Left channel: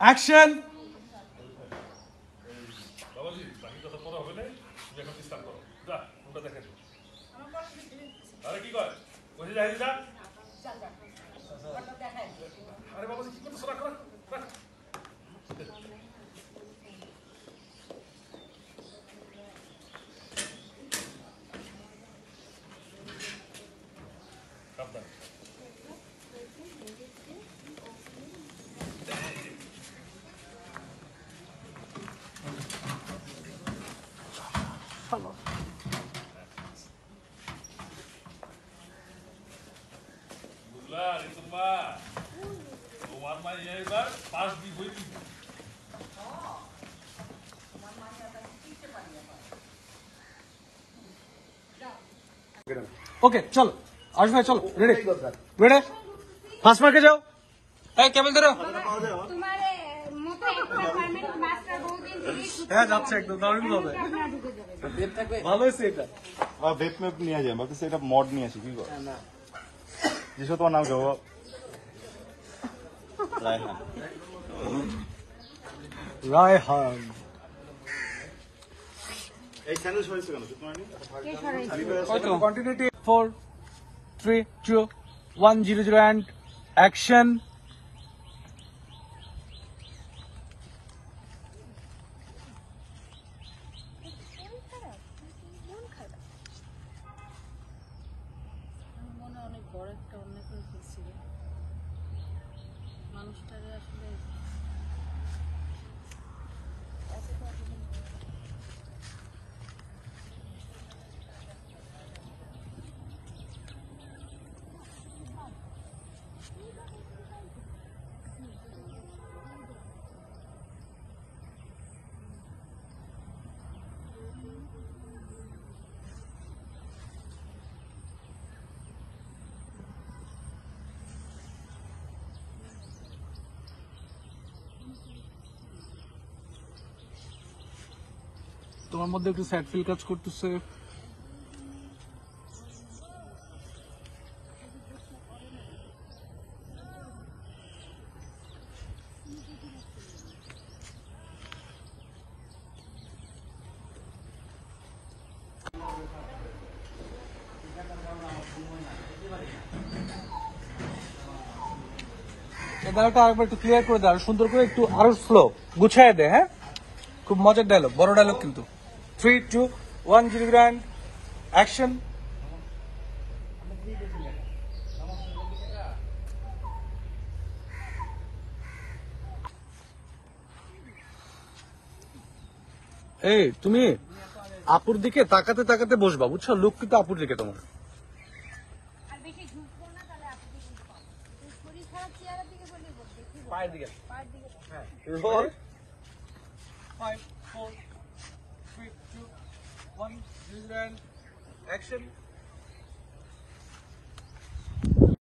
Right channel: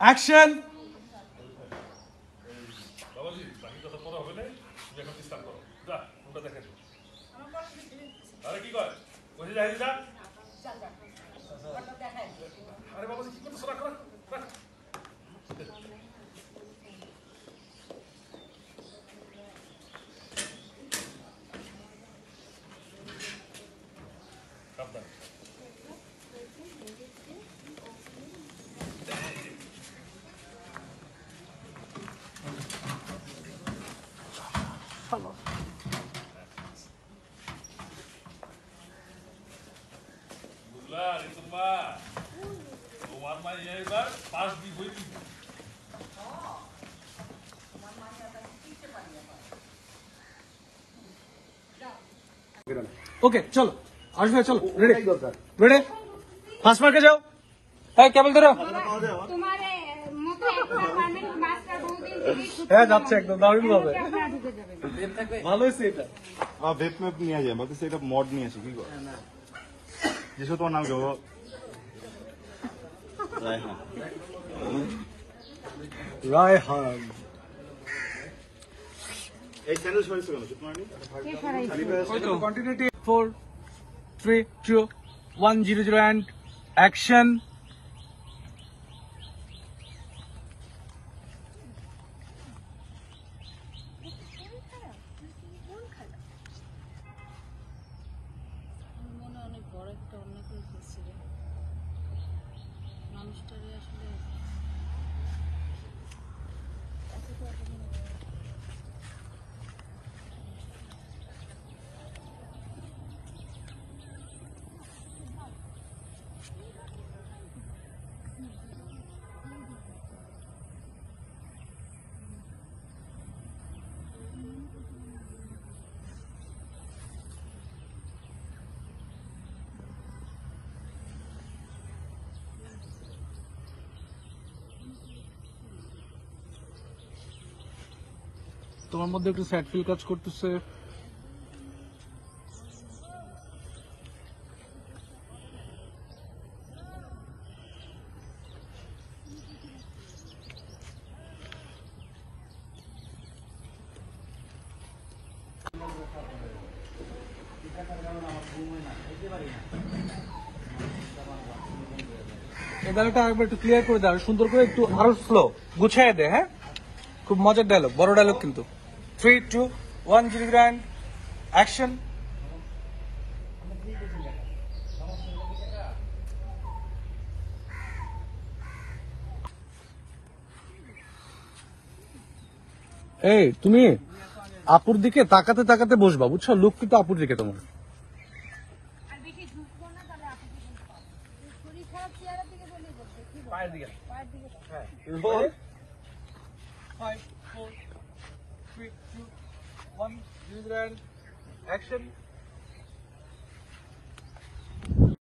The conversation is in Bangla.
অ্যাকশন। বাবাজি বাকি কথা পড়া হবে না, তুমি এখন স্টার্ট করো। যা ওটা দেখেন। আরে কি কয় বসে যাই যা। আরে বাবাজি কি করতেছ? রাখ রাখ রাখ। সাবধান। বুঝলা রিতুমা, তোমার মা এবার পাঁচ দিন হয়ে দিবে। ওকে চলো আরশ ভাই চলো, রেডি রেডি, ফার্স্ট মার্কে যাও। হ্যাঁ কেবল ধরো। তোমারে মতো একটা পার্মানেন্ট মাস্টার বহুদিন হ্যাঁ যাচ্ছে একদম দারুণ হবে, ভালো হয়েছে এটা। ভেপ ম্যাপ নিয়ে যায় বাকি সেটা মড নিয়ে আছে কি করে যেসব তোমার নাম যাবো রায়হান এই চ্যানেল সরাইছে কেন কন্টিনিউটি 4 3 2 1 0 0 and action. মনে অনেক বড় একটা অনেক হয়েছিল মানুষটারে আসলে তোমার মধ্যে একটু স্যাড ফিল কাজ করতেছে। ডায়লগটা আরেকবার একটু ক্লিয়ার করে দে, আর সুন্দর করে একটু আরো স্লো গুছায় দে। হ্যাঁ খুব মজার ডায়লগ, বড় ডায়লগ কিন্তু। 3 2 1 0 গ্র্যান্ড অ্যাকশন। এই তুমি আপুর দিকে তাকাতে তাকাতে বসবা, বুঝছো? লুক কিন্তু আপুর দিকে তোমার। আর বেশি ঝুঁকবো না, তাহলে আপনি শরীর খারাপ চেহারার দিকে বলেই বলতে পায়ের দিকে। পায়ের দিকে হ্যাঁ বল 5 4 3 2 1 0 গ্র্যান্ড অ্যাকশন।